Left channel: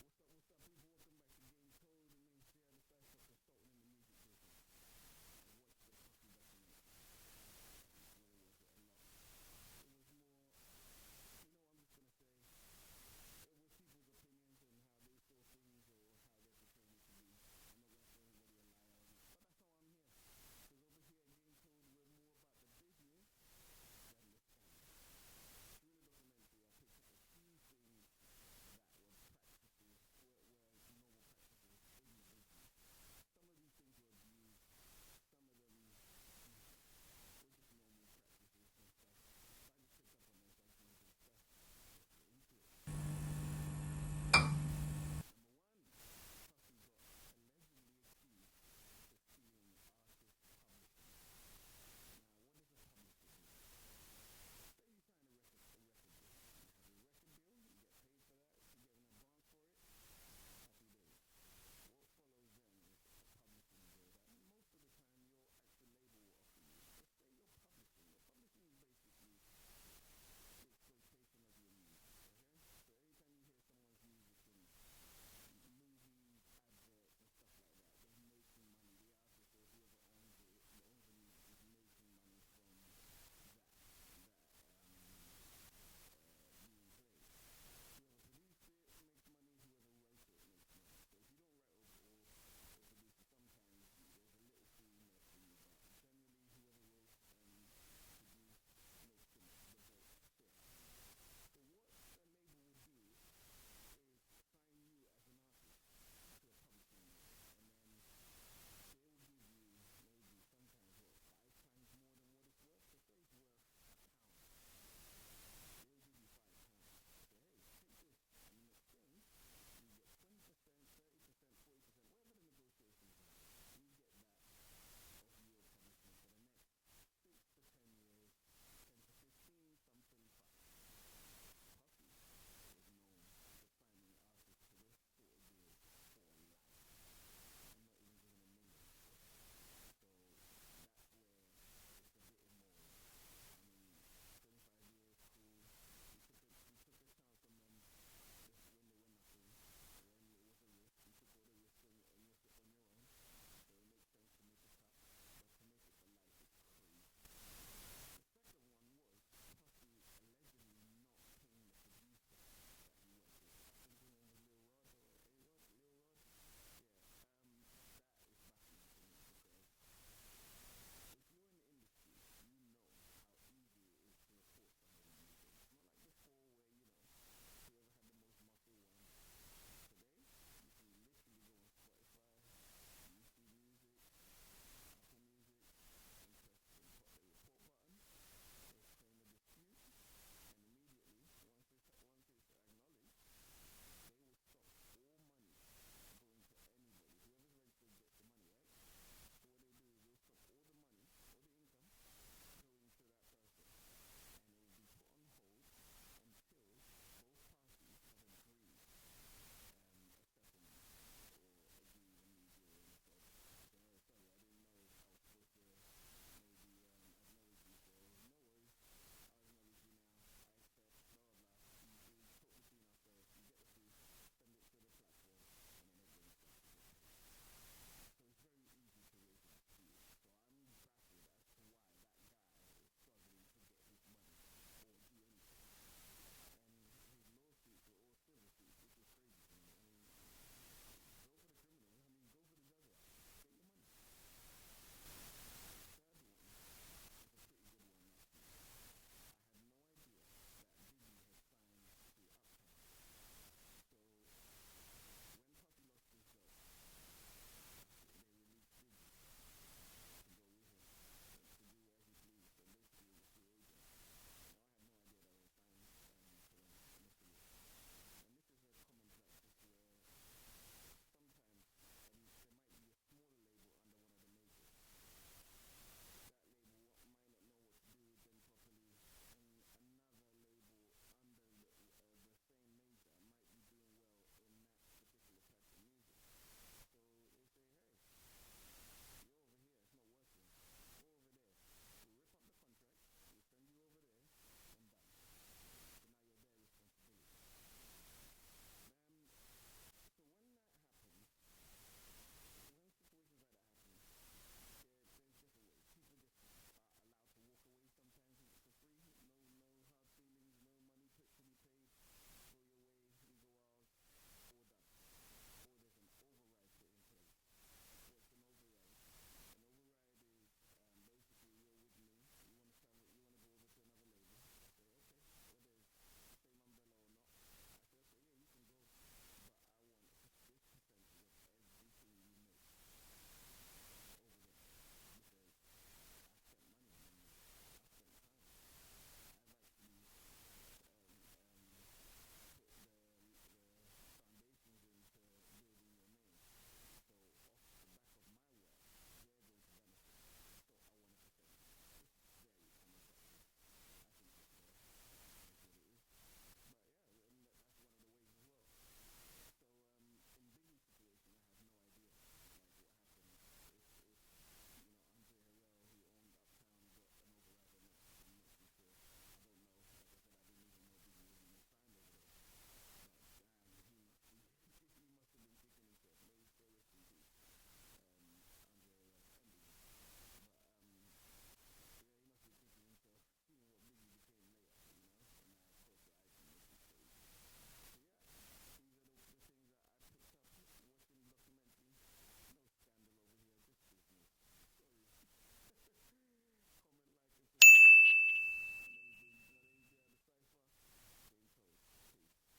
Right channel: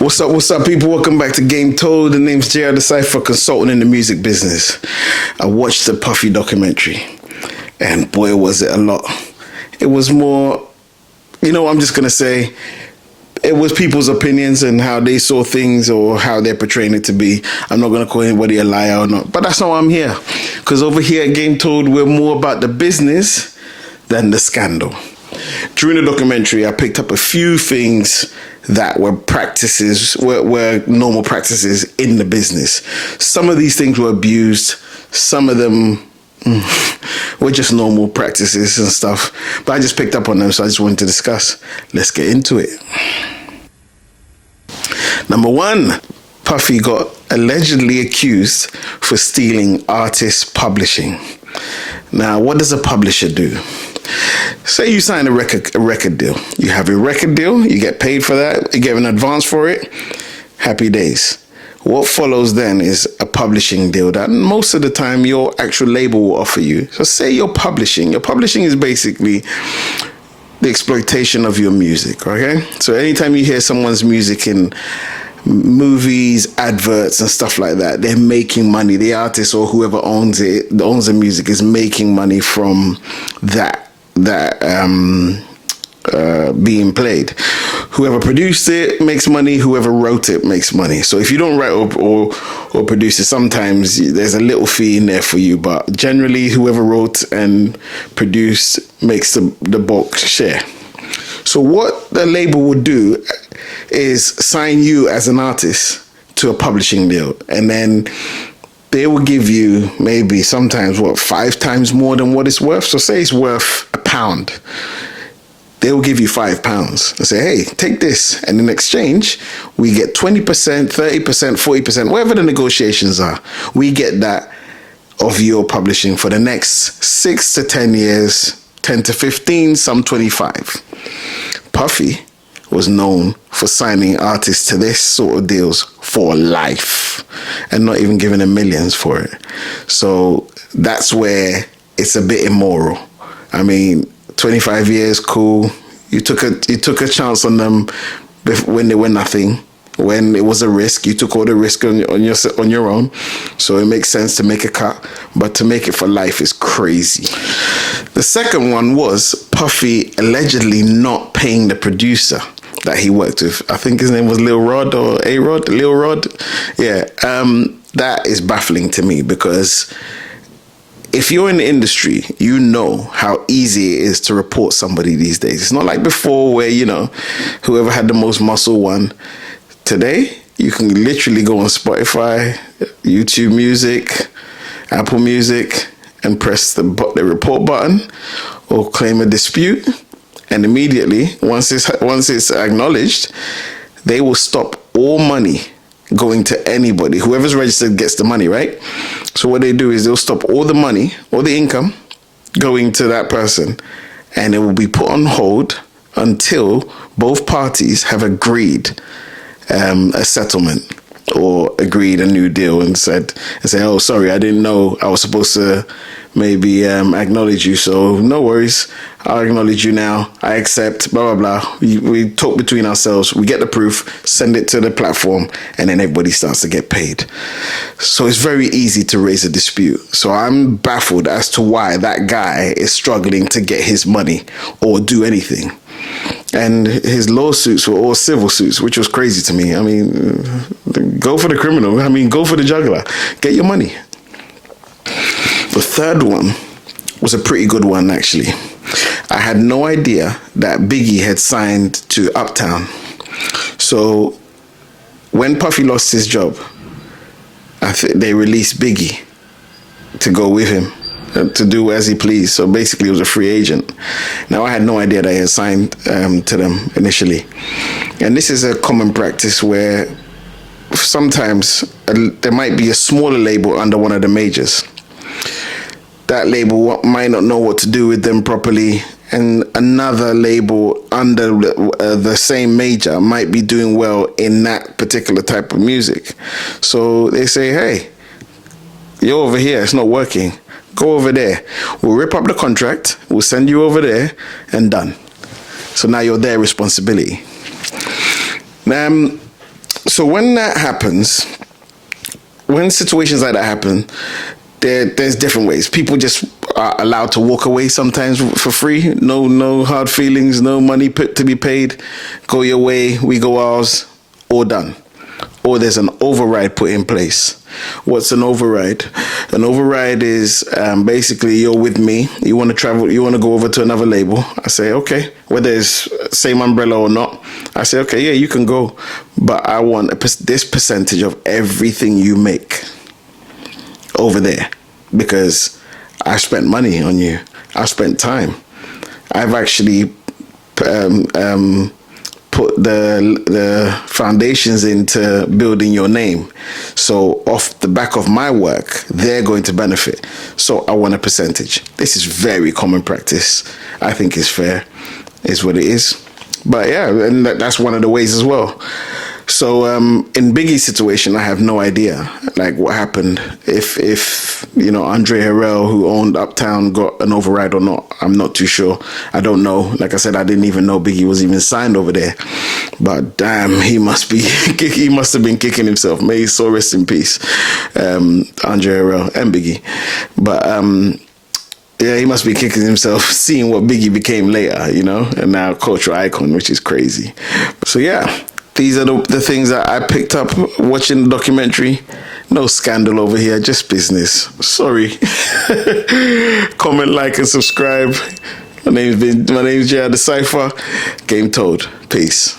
What's up, people? Welcome back to Game Told. The name's JR the Cypher, consultant in the music business. I watched the Puffy documentary, and boy, was it a lot. It was more, I'm just going to say, it was people's opinions and how they saw things or how they're portraying it to be. I'm not going to call anybody a liar or not, but that's not why I'm here. Because over here at Game Told, we're more about the business than the scandal. During the documentary, I picked up a few things that were were normal practices in the business. Some of these things were abused. Some of them were just normal practices and stuff. But I just picked up on them, so I just wanted to discuss. Let's get into it. Number one, Puffy got allegedly accused for stealing artist publishing. Now, what does a publisher do? Say you sign a record deal. You have your record deal, you get paid for that, you get an advance for it, happy days. What follows then is a publishing deal that most of the time your actual label will offer you. So say you're publishing. Your publishing is basically the exploitation of your music, okay? So anytime you hear someone's music in movies, adverts and stuff like that, they're making money. The artist or whoever owns the music is making money from that being played. Whoever produced it makes money, whoever wrote it makes money. So if you don't write or produce it, sometimes there's a little fee in there for you, but generally whoever wrote and produced makes the bulk share. So what the label would do is sign you as an artist to a publishing deal, and then they will give you maybe sometimes 5 times more than what it's worth. So say it's worth £1. They will give you £5 and say, hey, take this. And in exchange, we get 20%, 30%, 40%, whatever the negotiations are. We get that of your publishing for the next 6 to 10 years, 10 to 15, some 25. Puffy was known for signing artists to this sort of deals for life and not even giving them millions for it. So that's where it's a bit immoral. I mean, 25 years, cool. You took a chance on them when they were nothing. When it was a risk, you took all the risk on your own. So it makes sense to make a cut, but to make it for life is crazy. The second one was Puffy allegedly not paying the producer that he worked with. I think his name was Lil Rod or A-Rod, Lil Rod. Yeah, that is baffling to me because if you're in the industry, you know how easy it is to report somebody these days. It's not like before where, whoever had the most muscle won. Today, you can literally go on Spotify, YouTube Music, Apple Music, and press the report button or claim a dispute. And immediately, once it's acknowledged, they will stop all money going to anybody. Whoever's registered gets the money, right? So what they do is they'll stop all the money, all the income going to that person, and it will be put on hold until both parties have agreed a settlement or agreed a new deal and say, oh, sorry, I didn't know I was supposed to maybe acknowledge you, so no worries, I'll acknowledge you now, I accept, blah, blah, blah. We talk between ourselves, we get the proof, send it to the platform, and then everybody starts to get paid. So it's very easy to raise a dispute. So I'm baffled as to why that guy is struggling to get his money or do anything. And his lawsuits were all civil suits, which was crazy to me. I mean, go for the criminal. I mean, go for the juggler. Get your money. The third one was a pretty good one, actually. I had no idea that Biggie had signed to Uptown. So when Puffy lost his job, I think they released Biggie to go with him, to do as he pleased. So basically he was a free agent. Now I had no idea that he had signed to them initially. And this is a common practice where sometimes there might be a smaller label under one of the majors. That label might not know what to do with them properly, and another label under the same major might be doing well in that particular type of music. So they say, hey, you're over here, it's not working. Go over there. We'll rip up the contract, we'll send you over there, and done. So now you're their responsibility. So when that happens, when situations like that happen, there's different ways. People just are allowed to walk away sometimes for free. No hard feelings, no money to be paid. Go your way, we go ours, all done. Or there's an override put in place. What's an override? An override is basically you're with me. You want to travel. You want to go over to another label. I say, okay. Whether it's same umbrella or not, I say, okay, yeah, you can go. But I want this percentage of everything you make over there, because I spent money on you. I spent time. I've actually put the foundations into building your name. So off the back of my work, they're going to benefit. So I want a percentage. This is very common practice. I think it's fair. Is what it is. But yeah, and that's one of the ways as well. So in Biggie's situation, I have no idea like what happened. If Andre Harrell, who owned Uptown, got an override or not, I'm not too sure. I don't know. Like I said, I didn't even know Biggie was even signed over there. But damn, he must have been kicking himself. May his soul rest in peace, Andre Harrell and Biggie. But yeah, he must be kicking himself seeing what Biggie became later, and now cultural icon, which is crazy. So yeah. These are the things that I picked up watching the documentary. No scandal over here, just business. Sorry. Comment, like, and subscribe. My name's J.R. The Cypher. Game told. Peace.